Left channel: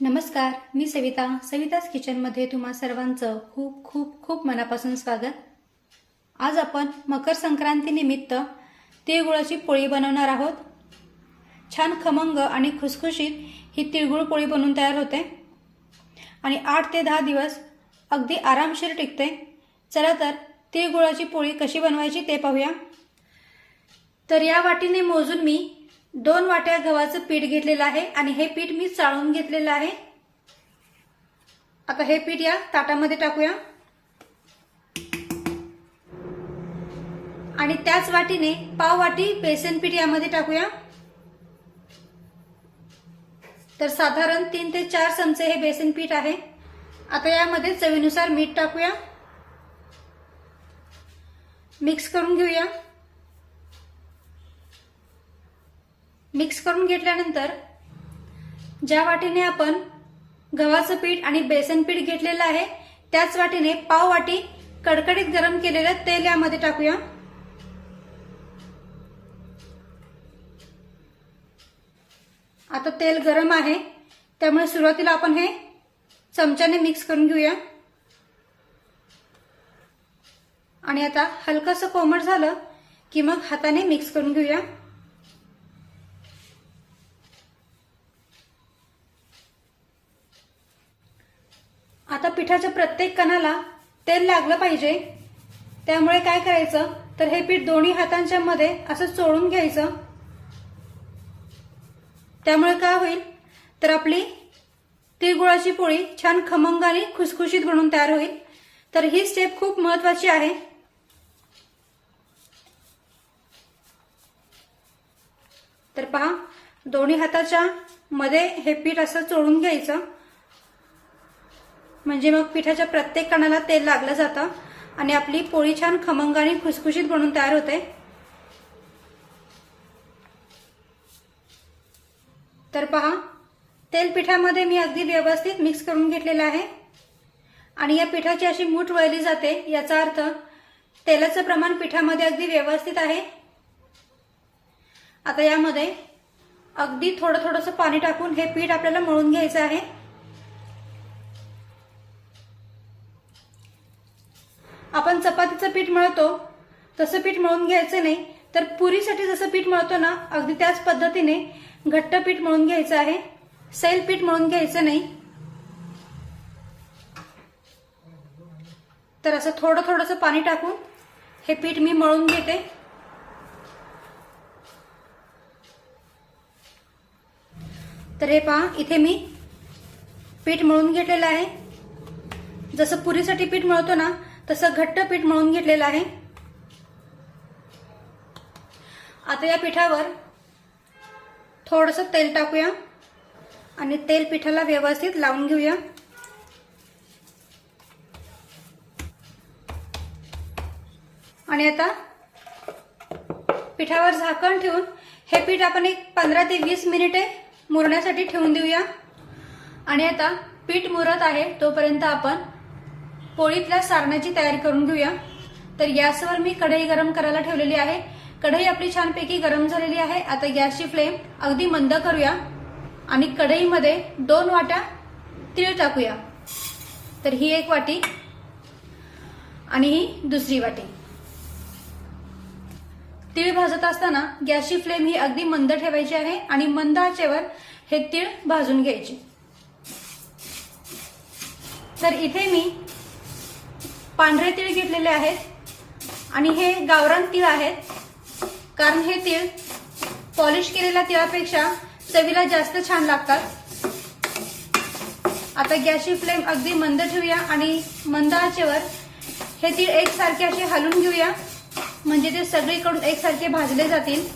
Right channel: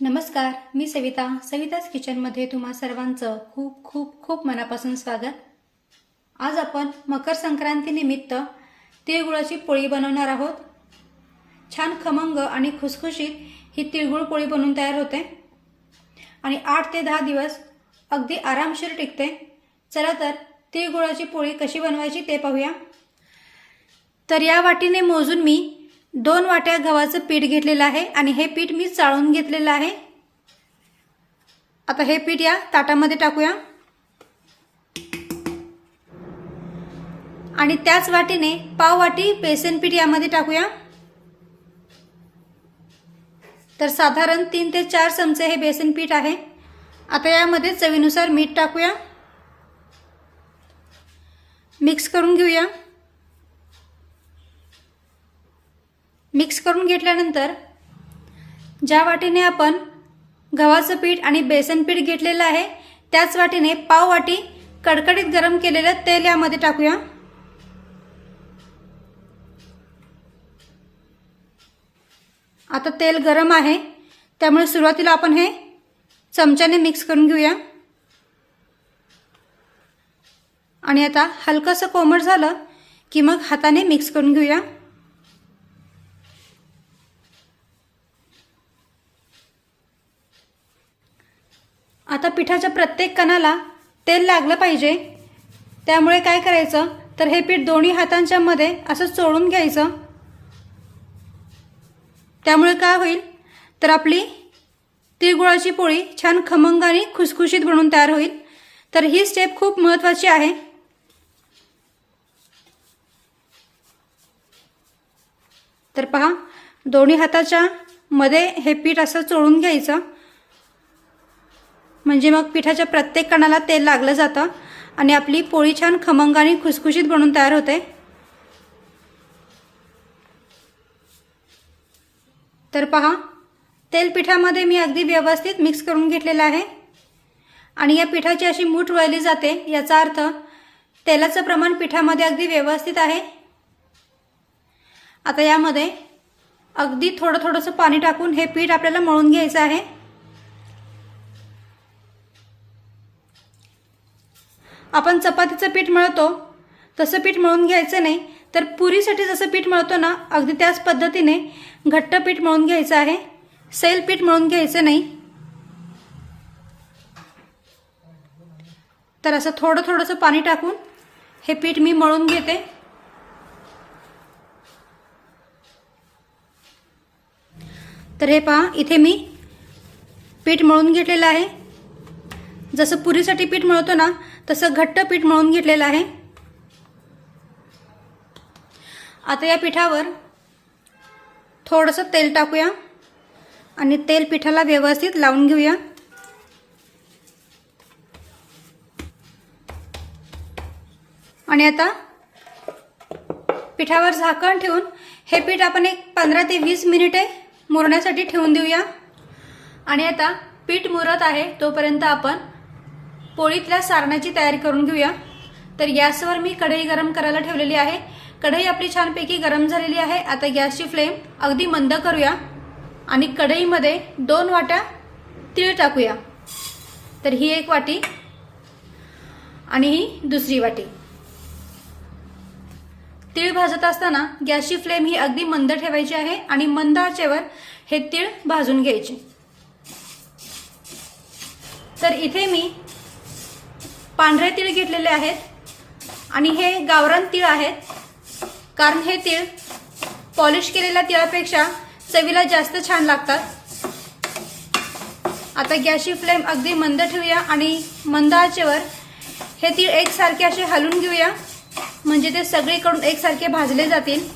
नमस्कार मी सविता. सविताच किचनमध्ये तुम्हा सर्वांचं खूप खूप खूप मनापासून स्वागत. आज आपण मकर संक्रांतीनिमित्त तिळगुळाची पोळी बनवणार आहोत. छान खमंग आणि खुसखुशीत ही तिळगुळ पोळी बनवून तयार होते. आणि आठ ते दहा दिवस अगदी आरामशीर टिकते. चला तर तिळगुळाची पोळी कशी बनवायची ते पाहूया. तर या वाटीने मोजून मी दोन वाट्या गव्हाचं पीठ घेतलेलं आहे आणि हे पीठ मी चाळून घेतलेलं आहे. आता हे पीठ या ताटामध्ये टाकूया. आणि त्याच वाटीने पाव वाटी बेसन पीठ यामध्ये टाकूया. तर साधारण तीन ते चार चमचे हे बेसन पीठ आहे. आता यामध्ये चवीनुसार मीठ टाकूया. मिक्स करून घेऊया. मिक्स करून घेतल्यानंतर ज्या वाटीने आपण गव्हाचं पीठ आणि बेसन पीठ घेतलेलं आहे त्याच वाटीने पाव वाटी कडकडीत गरम केलेलं तेल यामध्ये टाकूया. आता तेल गरम आहे त्यामुळे सुरुवातीला आपण हे चमच्याने मिक्स करून घेऊया. आणि आता हलकंसं कोमट झालं की मग हाताने मिक्स करून घेऊया आता पिठाच्या प्रत्येक कणाला तेल लागलं पाहिजे. त्यामुळे काय करायचं? तर हे पीठ दोन्ही हातांच्या मध्ये असं चोळून घ्यायचं. त्यामुळे काय होईल? तर आपली तिळगुळाची पोळी छान खमंग आणि खुसखुशीत बनून तयार होईल. तर ही स्टेप खूप महत्वाची आहे. तर पहा दोन्ही हाताच्या मध्ये हे पीठ असं चोळून घ्यायचं. म्हणजे मग पिठाच्या प्रत्येक कणाला तेल लागलं जातं आणि आपली पोळी छान खमंग आणि खुसखुशीत बनून तयार होते. तर पहा तेल पिठामध्ये मी अगदी व्यवस्थित मिक्स करून घेतलेलं आहे. आणि या पिठाची अशी मूठ वळली जाते याचा अर्थ तेलाचं प्रमाण पिठामध्ये अगदी व्यवस्थित आहे. आता यामध्ये अगदी थोडं थोडंसं पाणी टाकून हे पीठ आपल्याला मळून घ्यायचं आहे. आपण चपातीचं पीठ मळतो. तसं पीठ मळून घ्यायचं नाही तर पुरीसाठी जसं पीठ मळतो ना अगदी त्याच पद्धतीने घट्ट पीठ मळून घ्यायचं आहे. सैल पीठ मळून घ्यायचं नाही. तर असं थोडं थोडंसं पाणी टाकून हे पीठ मी मळून घेते. तर हे पहा इथे मी पीठ मळून घेतलेलं आहे. जसं पुरीसाठी पीठ मळतो ना तसं घट्ट पीठ मळून घेतलेलं आहे. आता या पिठावर थोडंसं तेल टाकूया आणि तेल पिठाला व्यवस्थित लावून घेऊया. आणि आता पिठावर झाकण ठेवून हे पीठ आपण एक पंधरा ते वीस मिनिटे मुरण्यासाठी ठेवून देऊया. आणि आता पीठ मुरत आहे तोपर्यंत आपण पोळीतल्या सारणाची तयारी करून घेऊया. तर गॅसवर मी कढई गरम करायला ठेवलेली आहे. कढई आपली छानपैकी गरम झालेली आहे. आता गॅसची फ्लेम अगदी मंद करूया आणि कढईमध्ये दोन वाट्या तीळ टाकूया. तर ही एक वाटी आणि ही दुसरी वाटी. तीळ भाजत असताना गॅसची फ्लेम ही अगदी मंद ठेवायची आहे आणि मंद आचेवर हे तीळ भाजून घ्यायचे. तर इथे मी पांढरे तीळ घेतलेले आहेत आणि हे गावरान तीळ आहेत. कारण हे तीळ पॉलिश केलेल्या तिळापेक्षा चवीला जास्त छान लागतात. आता गॅसची फ्लेम अगदी मंद ठेवूया आणि मंद आचेवर हे तीळ एकसारखे असे हलून घेऊया. म्हणजे ते सगळीकडून एकसारखे भाजले जातील.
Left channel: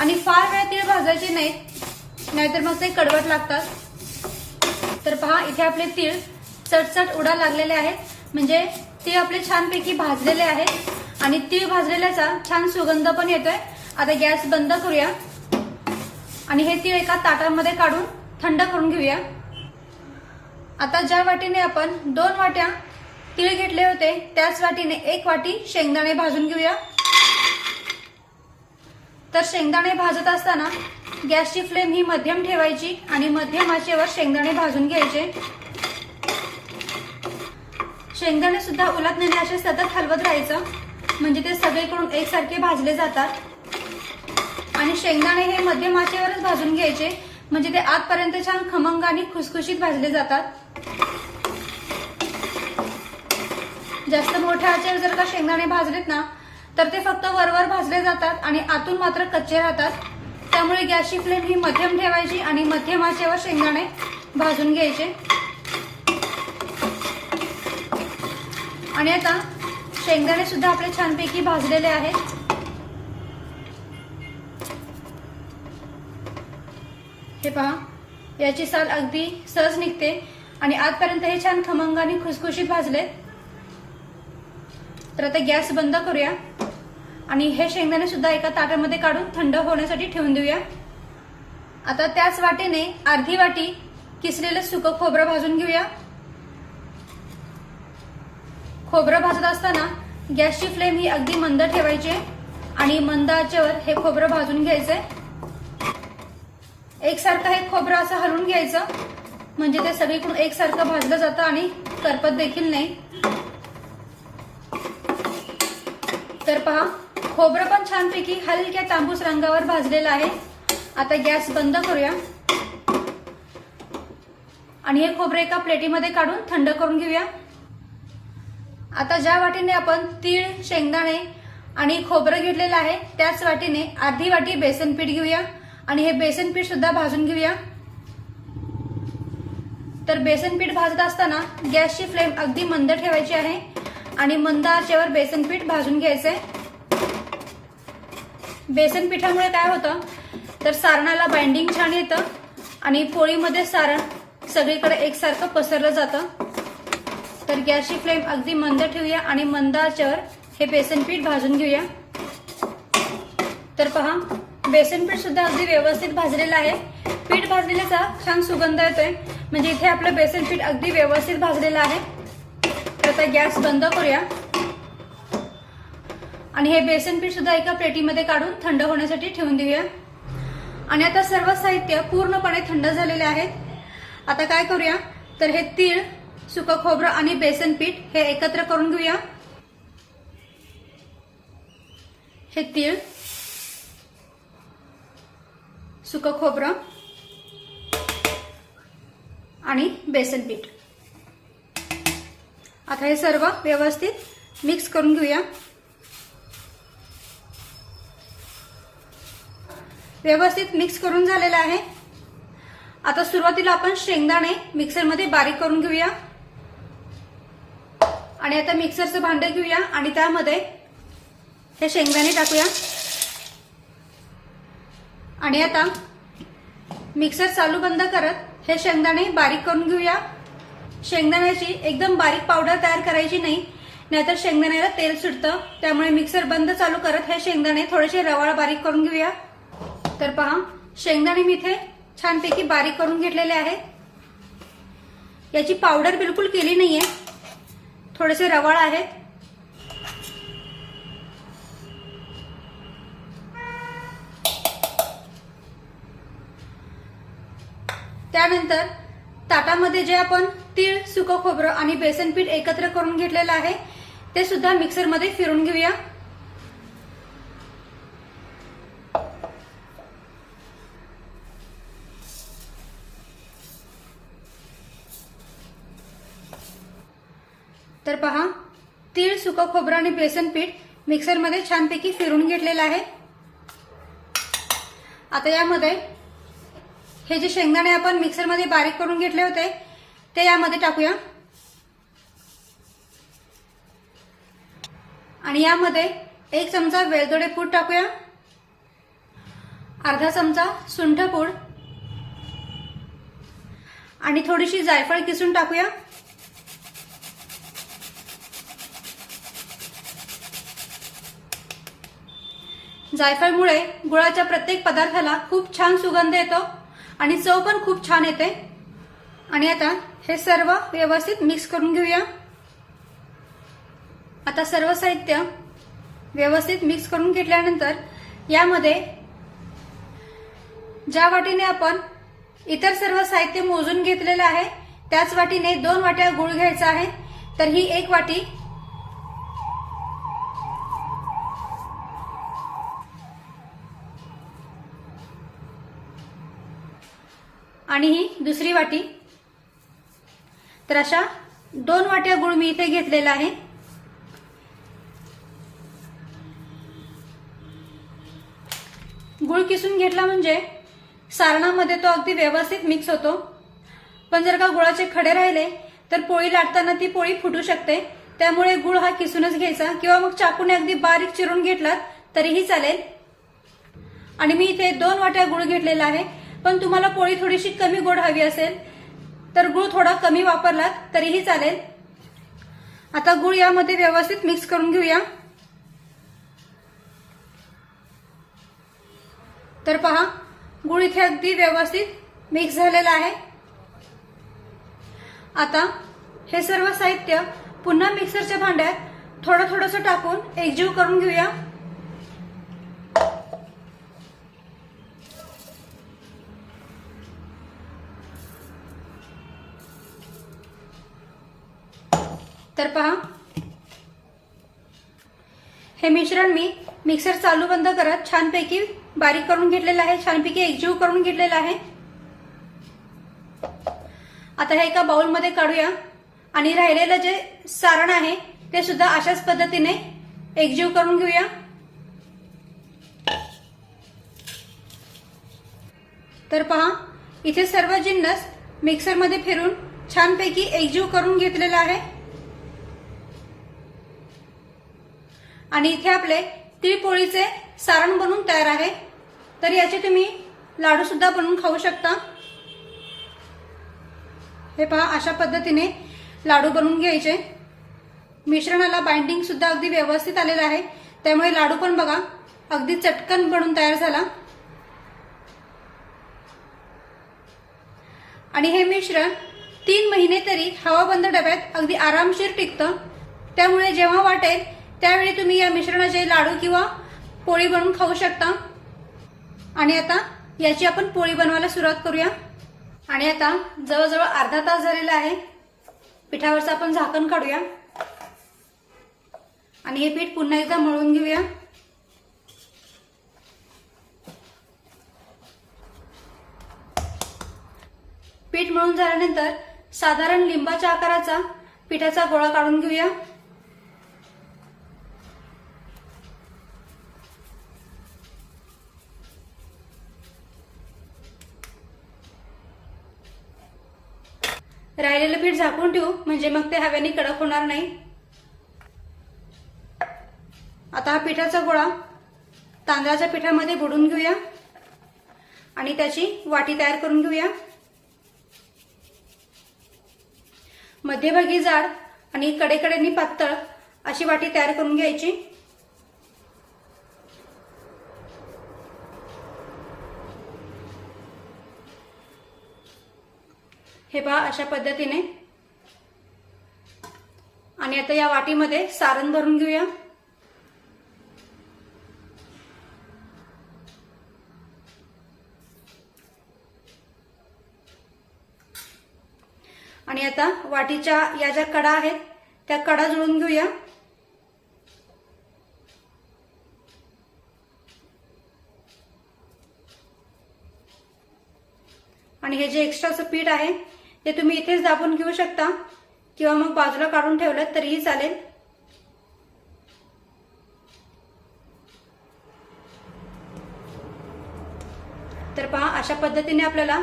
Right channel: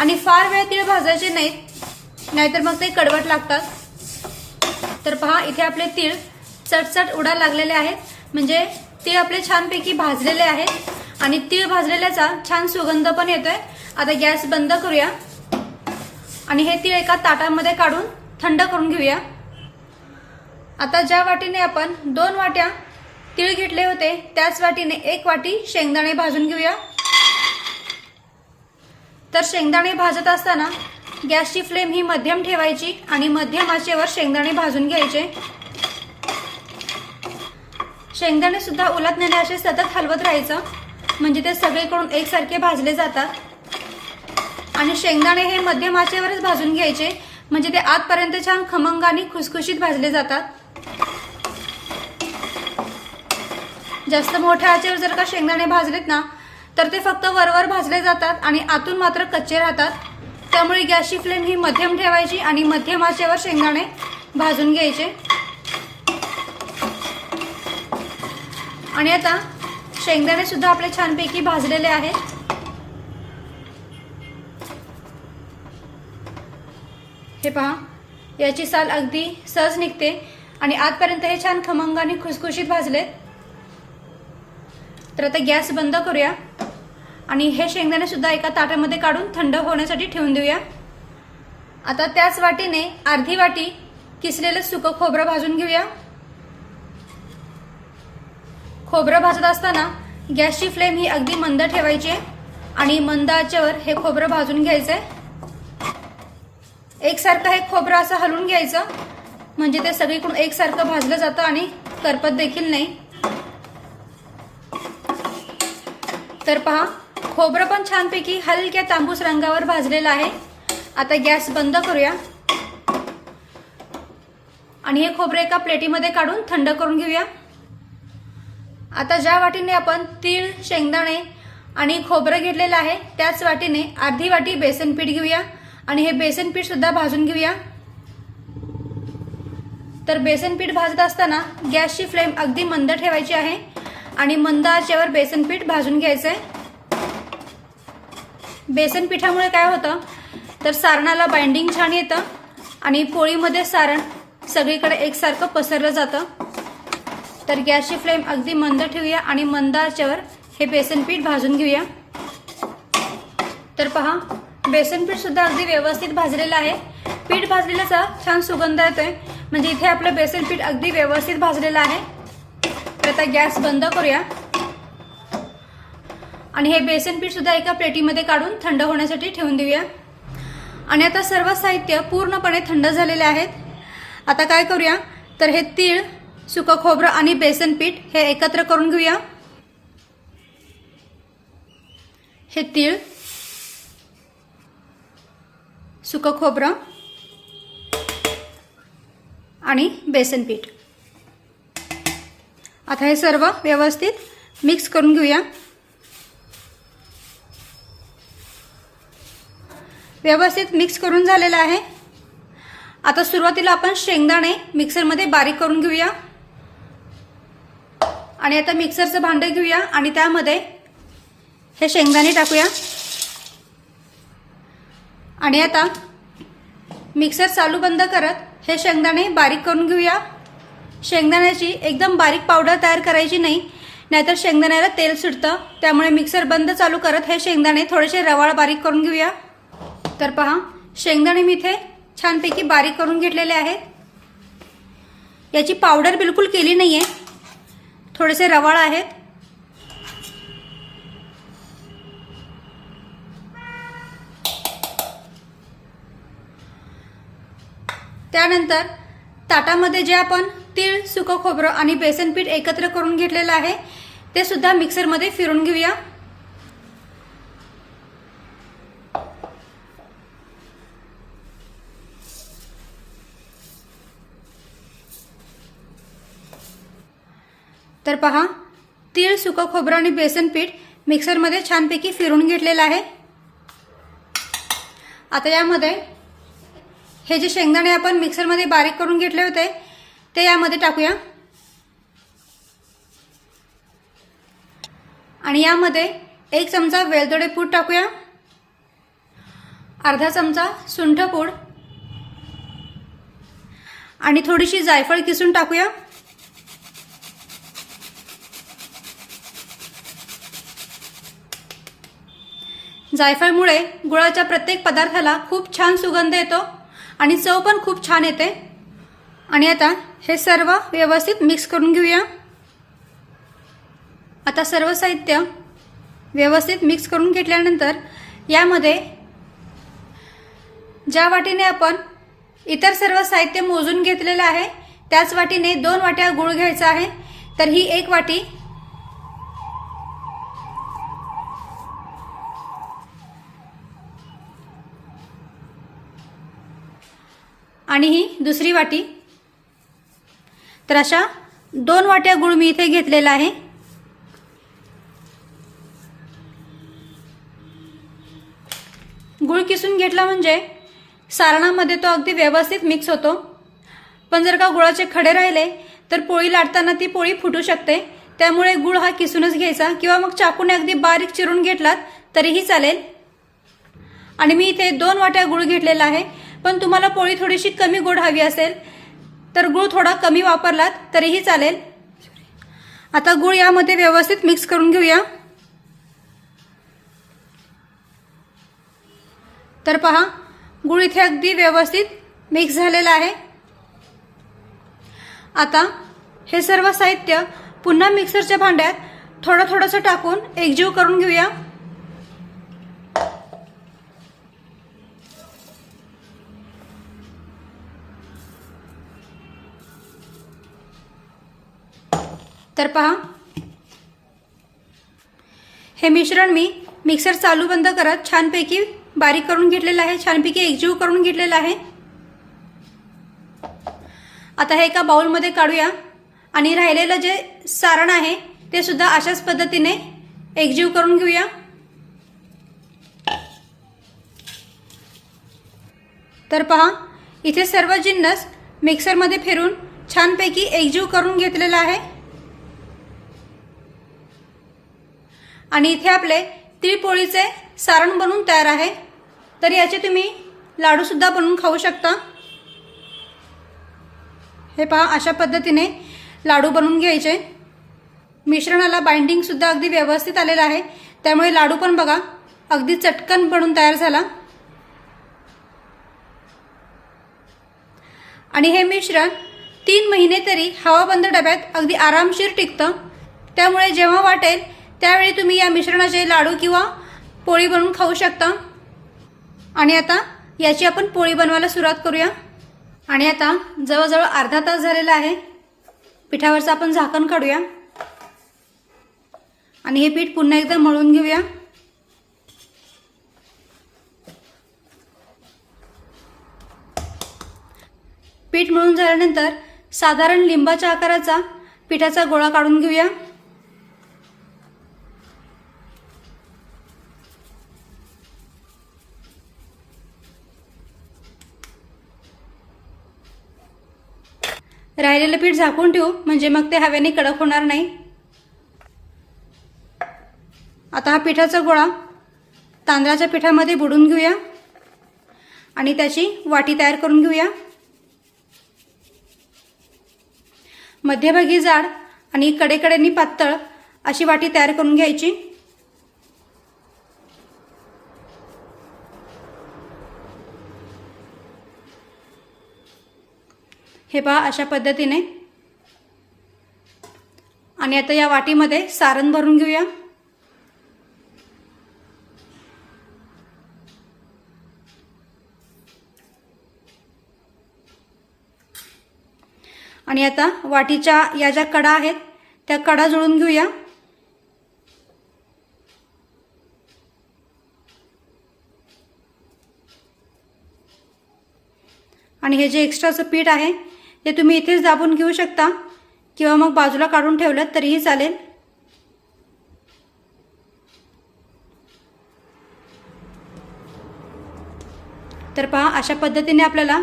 आणि फार वेळ तीळ भाजायचे नाहीत. नाहीतर मग ते कडवट लागतात. तर पहा इथे आपले तीळ चटचट उडायला लागलेले आहेत. म्हणजे ते आपले छानपैकी भाजलेले आहेत आणि तीळ भाजलेल्याचा छान सुगंध पण येतोय. आता गॅस बंद करूया. आणि हे तीळ एका ताटामध्ये काढून थंड करून घेऊया. आता ज्या वाटीने आपण दोन वाट्या तीळ घेतले होते त्याच वाटीने एक वाटी शेंगदाणे भाजून घेऊया. तर शेंगदाणे भाजत असताना गॅसची फ्लेम ही मध्यम ठेवायची आणि मध्यम आचेवर शेंगदाणे भाजून घ्यायचे. शेंगदाणे सुद्धा उलट नेणे असे सतत हलवत राहायचं. म्हणजे ते सगळीकडून एकसारखे भाजले जातात. आणि शेंगदाणे हे मध्यम आचेवरच भाजून घ्यायचे. म्हणजे ते आतपर्यंत छान खमंग आणि खुसखुशीत भाजले जातात. जास्त मोठ्या आचेवर जर का शेंगदाणे भाजलेत ना तर ते फक्त वरवर भाजले जातात आणि आतून मात्र कच्चे राहतात. त्यामुळे गॅसची फ्लेम ही मध्यम ठेवायची आणि मध्यम आचेवर शेंगदाणे भाजून घ्यायचे. आणि आता शेंगदाणे सुद्धा आपले छानपैकी भाजलेले आहेत. हे पहा याची साल अगदी सहज निघते आणि आजपर्यंत हे छान खमंग आणि खुसखुशीत भाजले. तर आता गॅस बंद करूया आणि हे शेंगदाणे सुद्धा एका ताटामध्ये काढून थंड होण्यासाठी ठेवून देऊया. आता त्याच वाटीने अर्धी वाटी किसलेलं सुकं खोबरं भाजून घेऊया. खोबरं भाजत असताना गॅसची फ्लेम ही अगदी मंद ठेवायची आणि मंद आचेवर हे खोबरं भाजून घ्यायचंय एकसारखं हे खोबरं असं हलवून घ्यायचं. म्हणजे ते सगळीकडून एकसारखं भाजलं जातं आणि करपत देखील नाही. तर पहा खोबरं पण छानपैकी हलक्या तांबूस रंगावर भाजलेलं आहे. आता गॅस बंद करूया. आणि हे खोबरं एका प्लेटीमध्ये काढून थंड करून घेऊया. आता ज्या वाटीने आपण तीळ शेंगदाणे आणि खोबरं घेतलेलं आहे त्याच वाटीने अर्धी वाटी बेसन पीठ घेऊया. आणि हे बेसन पीठ सुद्धा भाजून घेऊया. तर बेसन पीठ भाजत असताना गॅसची फ्लेम अगदी मंद ठेवायची आहे. आणि मंद आचेवर बेसन पीठ भाजून घ्यायचंय. बेसन पिठामुळे काय होतं? तर सारणाला बाइंडिंग छान येतं. आणि पोळीमध्ये सारण सगळीकडे एकसारखं पसरलं जातं. तर गॅसची फ्लेम अगदी मंद ठेवूया आणि मंद आचेवर हे बेसन पीठ भाजून घेऊया. तर पहा बेसन पीठ सुद्धा अगदी व्यवस्थित भाजलेलं आहे. पीठ भाजलेल्याचा छान सुगंध येतोय. म्हणजे इथे आपलं बेसन पीठ अगदी व्यवस्थित भाजलेलं आहे. तर आता गॅस बंद करूया. आणि हे बेसन पीठ सुद्धा एका प्लेटीमध्ये काढून थंड होण्यासाठी ठेवून देऊया. आणि आता सर्व साहित्य पूर्णपणे थंड झालेले आहेत. आता काय करूया? तर हे तीळ सुकं खोबरं आणि बेसन पीठ हे एकत्र करून घेऊया. हे तीळ सुकं खोबरं आणि बेसन पीठ. आता हे सर्व व्यवस्थित मिक्स करून घेऊया. व्यवस्थित मिक्स करून झालेलं आहे. आता सुरुवातीला आपण शेंगदाणे मिक्सरमध्ये बारीक करून घेऊया. आणि आता मिक्सरचं भांडं घेऊया आणि त्यामध्ये हे शेंगदाणे टाकूया. आणि आता मिक्सर चालू बंद करत हे शेंगदाणे बारीक करून घेऊया. शेंगदाण्याची एकदम बारीक पावडर तयार करायची नाही नाहीतर शेंगदाण्याला तेल सुटतं. त्यामुळे मिक्सर बंद चालू करत हे शेंगदाणे थोडेसे रवाळ बारीक करून घेऊया. तर पहा शेंगदाणे मी इथे छानपैकी बारीक करून घेतलेले आहेत. याची पावडर बिलकुल केली नाहीये. थोडेसे रवाळ आहेत. त्यानंतर ताटामध्ये जे आपण तीळ सुकं खोबरं आणि बेसन पीठ एकत्र करून घेतलेलं आहे ते सुद्धा मिक्सरमध्ये फिरून घेऊया तर पहा तीळ सुकं खोबरं आणि बेसन पीठ मिक्सरमध्ये छानपैकी फिरून घेतलेलं आहे. आता यामध्ये हे जे शेंगदाणे आपण मिक्सरमध्ये बारीक करून घेतले होते ते यामध्ये टाकूया. आणि यामध्ये एक चमचा वेलदोडे पूड टाकूया. अर्धा चमचा सुंठ पूड. आणि थोडीशी जायफळ किसून टाकूया. जायफळमुळे गुळाच्या प्रत्येक पदार्थाला खूप छान सुगंध येतो आणि चव पण खूप छान येते. आणि आता हे सर्व व्यवस्थित मिक्स करून घेऊया. आता सर्व साहित्य व्यवस्थित मिक्स करून घेतल्यानंतर यामध्ये ज्या वाटीने आपण इतर सर्व साहित्य मोजून घेतलेलं आहे त्याच वाटीने दोन वाट्या गुळ घ्यायचा आहे. तर ही एक वाटी आणि ही दुसरी वाटी. तर अशा दोन वाट्या गुळ मी इथे घेतलेला आहे. गुळ किसून घेतला म्हणजे सारणामध्ये तो अगदी व्यवस्थित मिक्स होतो. पण जर का गुळाचे खडे राहिले तर पोळी लाटताना ती पोळी फुटू शकते. त्यामुळे गुळ हा किसूनच घ्यायचा. किंवा मग चाकूने अगदी बारीक चिरून घेतलात तरीही चालेल. आणि मी इथे दोन वाट्या गुळ घेतलेला आहे. पण तुम्हाला पोळी थोडीशी कमी गोड हवी असेल तर गुळ थोडा कमी वापरलात तरीही चालेल. आता गुळ यामध्ये व्यवस्थित मिक्स करून घेऊया. तर पहा गुळ इथे अगदी व्यवस्थित मिक्स झालेला आहे. आता हे सर्व साहित्य पुन्हा मिक्सरच्या भांड्यात थोडं थोडंसं टाकून एकजीव करून घेऊया. तर पहा. हे मिश्रण मी मिक्सर चालू बंद करत छानपैकी बारीक करून घेतलेलं आहे. छानपैकी एकजीव करून घेतलेलं आहे. आता हे एका बाउलमध्ये काढूया. आणि राहिलेलं जे सारण आहे ते सुद्धा अशाच पद्धतीने एकजीव करून घेऊया. तर पहा इथे सर्व जिन्नस मिक्सरमध्ये फिरून छानपैकी एकजीव करून घेतलेला आहे. आणि इथे आपले तिळपोळीचे सारण बनून तयार आहे. तर याचे तुम्ही लाडूसुद्धा बनवून खाऊ शकता. हे पहा अशा पद्धतीने लाडू बनवून घ्यायचे. मिश्रणाला बाइंडिंगसुद्धा अगदी व्यवस्थित आलेलं आहे. त्यामुळे लाडू पण बघा अगदी चटकन बनून तयार झाला. आणि हे मिश्रण तीन महिने तरी हवाबंद डब्यात अगदी आरामशीर टिकतं. त्यामुळे जेव्हा वाटेल त्यावेळी तुम्ही या मिश्रणाचे लाडू किंवा पोळी बनवून खाऊ शकता. आणि आता याची आपण पोळी बनवायला सुरुवात करूया. आणि आता जवळजवळ अर्धा तास झालेला आहे. पिठावरचं आपण झाकण काढूया. आणि हे पीठ पुन्हा एकदा मळून घेऊया. पीठ मळून झाल्यानंतर साधारण लिंबाच्या आकाराचा पिठाचा गोळा काढून घेऊया राहिलेलं पीठ झाकून ठेवू म्हणजे मग ते हवेने कडक होणार नाही. आता हा पिठाचा गोळा तांदळाच्या पिठामध्ये बुडून घेऊया आणि त्याची वाटी तयार करून घेऊया. मध्यभागी जाड आणि कडेकडेनी पातळ अशी वाटी तयार करून घ्यायची. हे पहा अशा पद्धतीने. आणि आता या वाटीमध्ये सारण भरून घेऊया. आणि आता वाटीच्या या ज्या कडा आहेत त्या कडा जुळून घेऊया. आणि हे जे एक्स्ट्राचं पीठ आहे ते तुम्ही इथेच दाबून घेऊ शकता. किंवा मग बाजूला काढून ठेवलं तरीही चालेल. तर पहा अशा पद्धतीने आपल्याला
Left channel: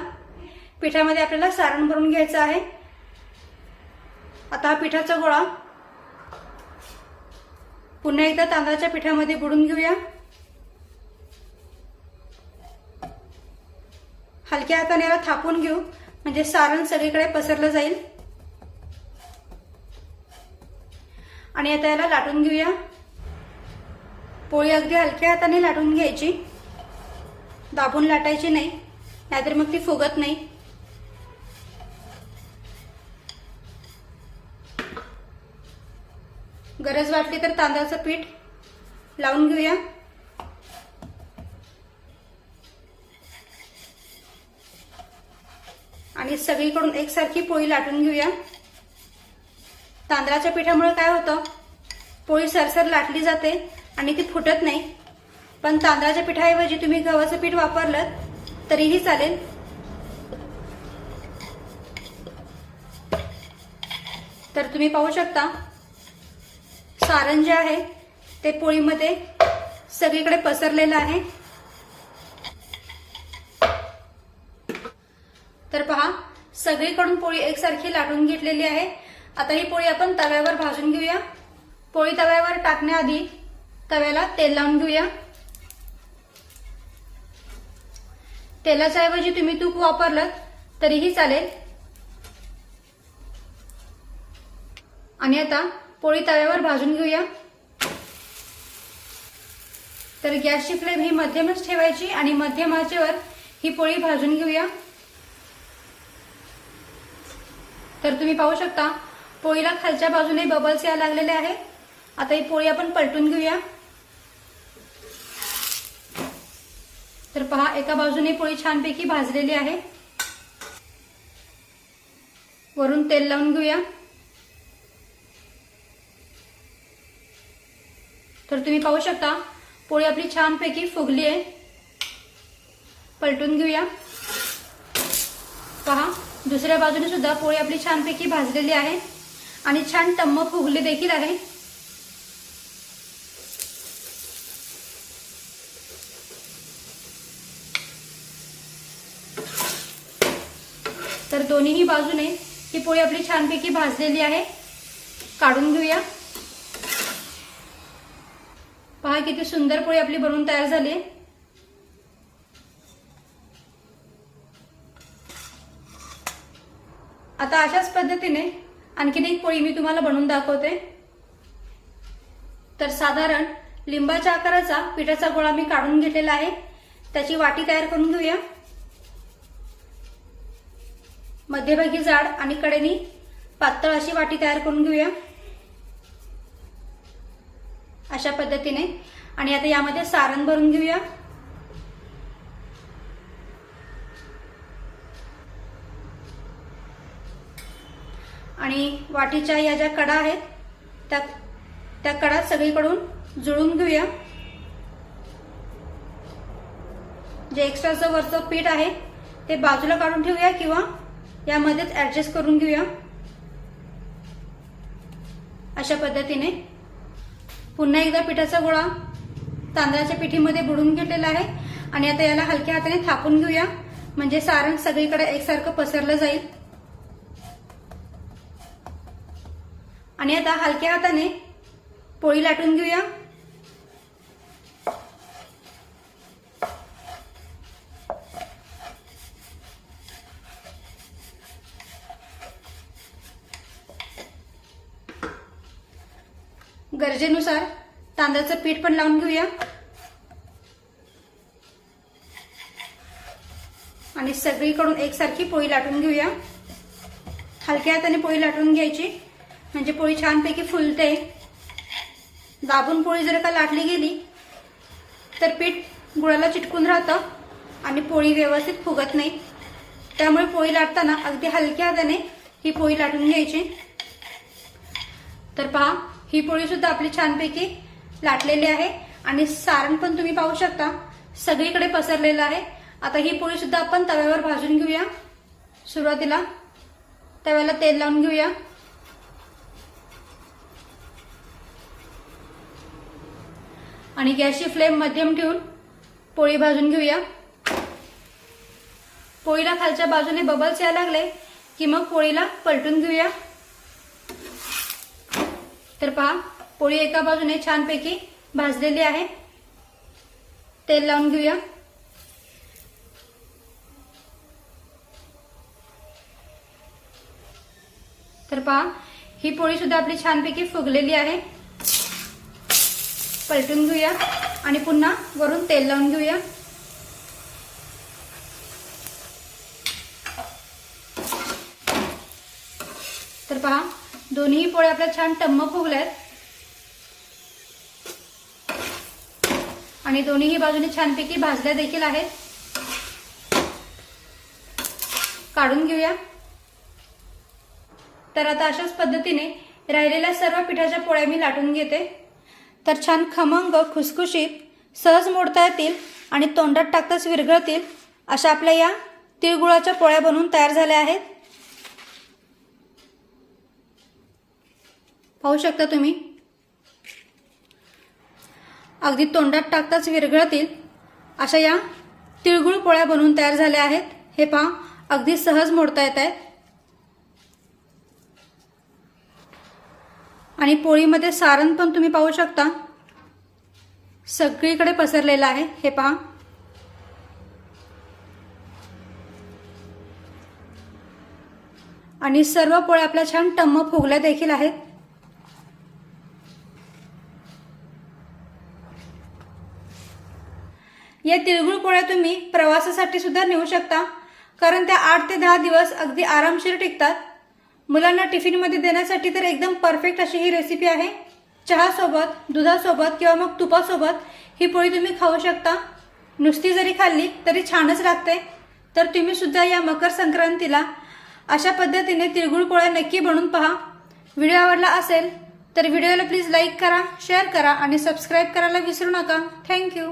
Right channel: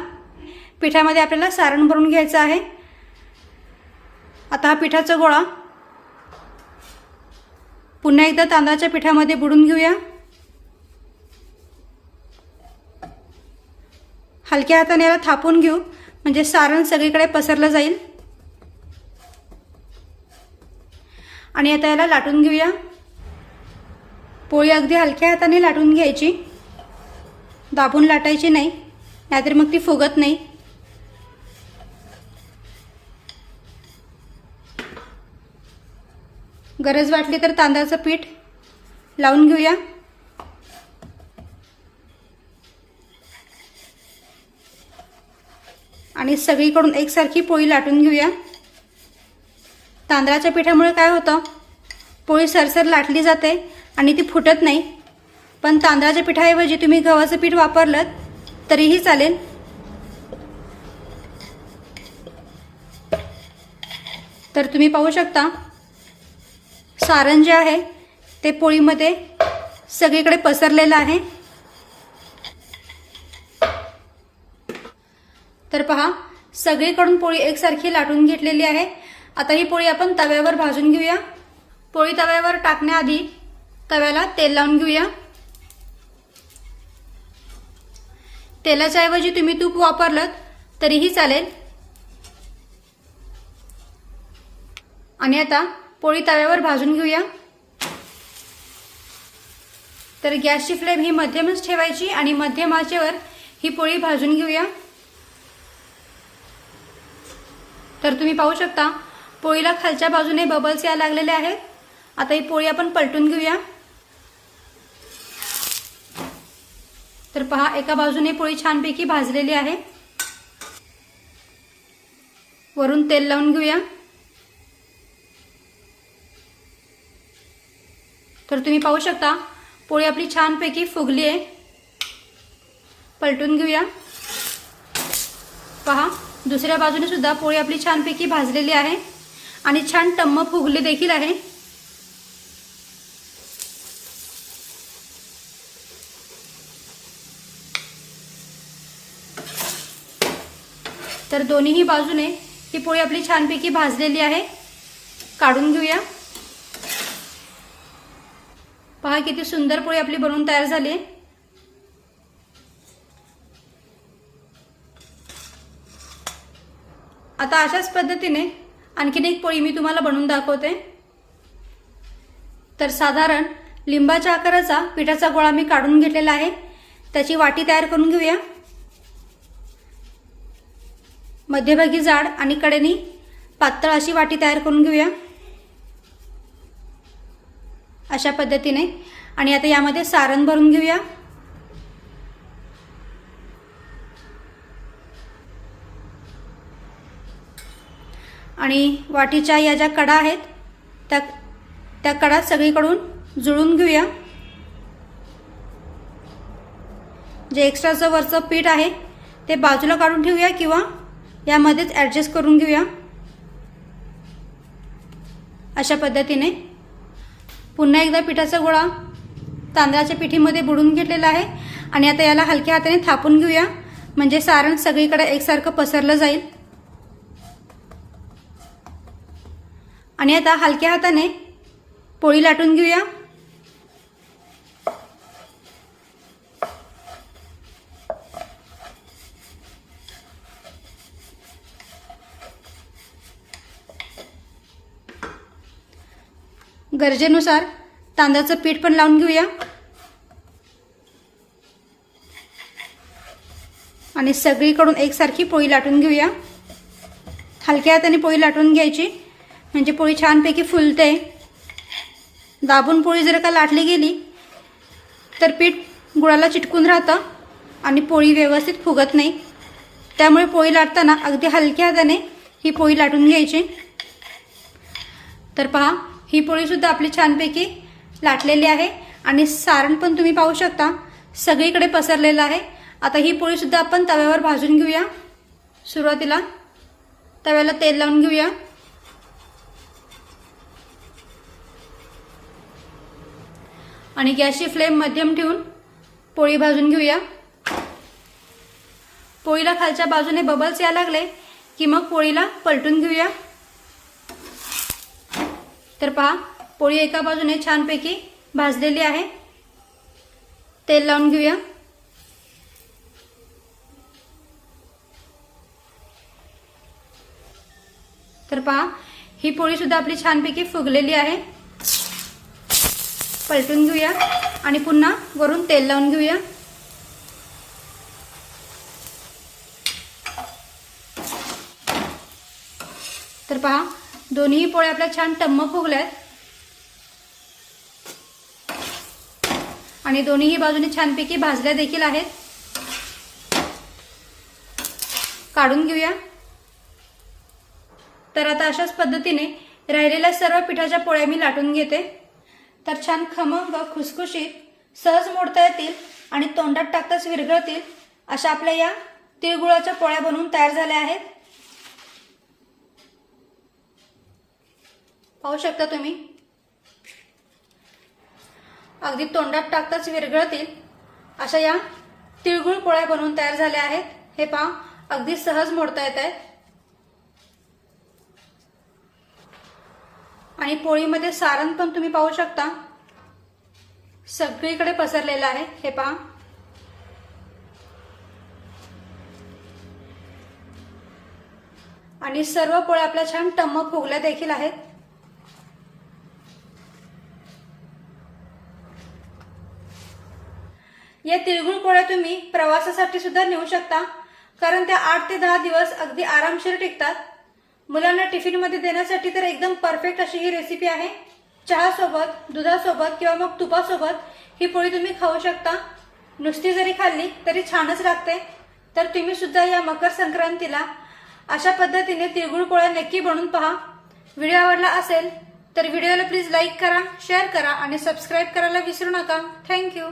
पिठामध्ये आपल्याला सारण भरून घ्यायचं आहे. आता हा पिठाचा गोळा पुन्हा एकदा तांदळाच्या पिठामध्ये बुडून घेऊया. हलक्या हाताने याला थापून घेऊ. म्हणजे सारण सगळीकडे पसरलं जाईल. आणि आता याला लाटून घेऊया. पोळी अगदी हलक्या हाताने लाटून घ्यायची. दाबून लाटायची नाही नाहीतर मग ती फुगत नाही. गरज वाटली तर तांदळाचं पीठ लावून घेऊया. आणि सगळीकडून एकसारखी पोळी लाटून घेऊया. तांदळाच्या पिठामुळे काय होतं? पोळी सरसर लाटली जाते आणि ती फुटत नाही. पण तांदळाच्या पिठाऐवजी तुम्ही गव्हाचं पीठ वापरलं तरीही चालेल. तर तुम्ही पाहू शकता सारण जे आहे ते पोळीमध्ये सगळीकडे पसरलेलं आहे. तर पहा सगळीकडून पोळी एकसारखी लाटून घेतलेली आहे. आता ही पोळी आपण तव्यावर भाजून घेऊया. पोळी तव्यावर टाकण्याआधी तव्याला तेल लावून घेऊया. तेलाच्या ऐवजी तुम्ही तूप वापरलं तरीही चालेल. आणि आता पोळी तव्यावर भाजून घेऊया. तर गॅसची फ्लेम ही मध्यमच ठेवायची आणि मध्यम आचेवर ही पोळी भाजून घेऊया. तर तुम्ही पाहू शकता पोळीला खालच्या बाजूने बबल्स या लागलेले आहेत. आता ही पोळी आपण पलटून घेऊया. तर पहा एका बाजूने पोळी छानपैकी भाजलेली आहे. वरून तेल लावून घेऊया. तर तुम्ही पाहू शकता पोळी आपली छानपैकी फुगली आहे. पलटून घेऊया. दुसऱ्या बाजूने सुद्धा पोळी आपली छानपैकी भाजलेली आहे. आणि छान टम्म फुगले देखील आहे. तर दोन्हीही बाजूने ही पोळी आपली छानपैकी भाजलेली आहे. काढून घेऊया. पहा किती सुंदर पोळी आपली बनवून तयार झाली आहे. आता अशाच पद्धतीने आणखीन एक पोळी मी तुम्हाला बनवून दाखवते. तर साधारण लिंबाच्या आकाराचा पिठाचा गोळा मी काढून घेतलेला आहे. त्याची वाटी तयार करून घेऊया. मध्यभागी जाड आणि कडेनी पातळ अशी वाटी तयार करून घेऊया. अशा पद्धतीने. आणि आता यामध्ये सारण भरून घेऊया. आणि वाटीच्या या ज्या कडा आहेत त्या त्या कडा सगळीकडून जुळून घेऊया. जे एक्स्ट्राचं वरचं पीठ आहे ते बाजूला काढून ठेवूया किंवा यामध्येच ॲडजस्ट करून घेऊया. अशा पद्धतीने पुन्हा एकदा पिठाचा गोळा तांदळाच्या पिठीमध्ये बुडून घेतलेला आहे आणि आता याला हलक्या हाताने थापून घेऊया. म्हणजे सारण सगळीकडे एकसारखं पसरलं जाईल. आणि आता हलक्या हाताने पोळी लाटून घेऊया. गरजेनुसार तांदळाचं पीठ पण लावून घेऊया. आणि सगळीकडून एकसारखी पोळी लाटून घेऊया. हलक्या हाताने पोळी लाटून घ्यायची. म्हणजे पोळी छानपैकी फुलते. दाबून पोळी जर का लाटली गेली तर पीठ गुळाला चिटकून राहतं आणि पोळी व्यवस्थित फुगत नाही. त्यामुळे पोळी लाटताना अगदी हलक्या हाताने ही पोळी लाटून घ्यायची. तर पहा ही पोळीसुद्धा आपली छानपैकी लाटलेली आहे आणि सारण पण तुम्ही पाहू शकता. सगळीकडे पसरलेलं आहे. आता ही पोळीसुद्धा आपण तव्यावर भाजून घेऊया. सुरुवातीला तव्याला तेल लावून घेऊया. आणि गॅसची फ्लेम मध्यम ठेवून पोळी भाजून घेऊया. पोळीला खालच्या बाजूने बबल्स यायला लागले की मग पोळीला पलटून घेऊया. तर पहा पोळी एका बाजूने छानपैकी भाजलेली आहे. तेल लावून घेऊया. तर पहा ही पोळी सुद्धा आपली छानपैकी फुगलेली आहे. पलटून घेऊया आणि पुन्हा वरून तेल लावून घेऊया. तर पहा दोन्ही पोळ्या आपल्या छान टम्म फुगल्यात आणि दोन्हीही बाजूने छानपैकी भाजल्या देखील आहेत. काढून घेऊया. तर आता अशाच पद्धतीने राहिलेल्या सर्व पिठाच्या पोळ्या मी लाटून घेते. तर छान खमंग खुसखुशीत सहज मोडता येतील आणि तोंडात टाकताच विरघळतील अशा आपल्या या तिळगुळाच्या पोळ्या बनवून तयार झाल्या आहेत. पाहू शकता तुम्ही? अगदी तोंडात टाकताच विरघळतील अशा या तिळगुळ पोळ्या बनवून तयार झाल्या आहेत. हे पहा अगदी सहज मोडता येत आहेत. आणि पोळीमध्ये सारण पण तुम्ही पाहू शकता. सगळीकडे पसरलेलं आहे. हे पहा. आणि सर्व पोळ्या आपल्या छान टम्म फुगल्या देखील आहेत. या तिळगुळ पोळ्या तुम्ही प्रवासासाठी सुद्धा नेऊ शकता. कारण त्या आठ ते दहा दिवस अगदी आरामशीर टिकतात. मुलांना टिफिनमध्ये देण्यासाठी तर एकदम परफेक्ट अशी ही रेसिपी आहे. चहासोबत दुधासोबत किंवा मग तुपासोबत ही पोळी तुम्ही खाऊ शकता. नुसती जरी खाल्ली तरी छानच लागते. तर तुम्ही सुद्धा या मकर संक्रांतीला अशा पद्धतीने तिळगुळ पोळ्या नक्की बनवून पहा. व्हिडिओ आवडला असेल तर व्हिडिओला प्लीज लाईक करा शेअर करा आणि सबस्क्राईब करायला विसरू नका. थँक्यू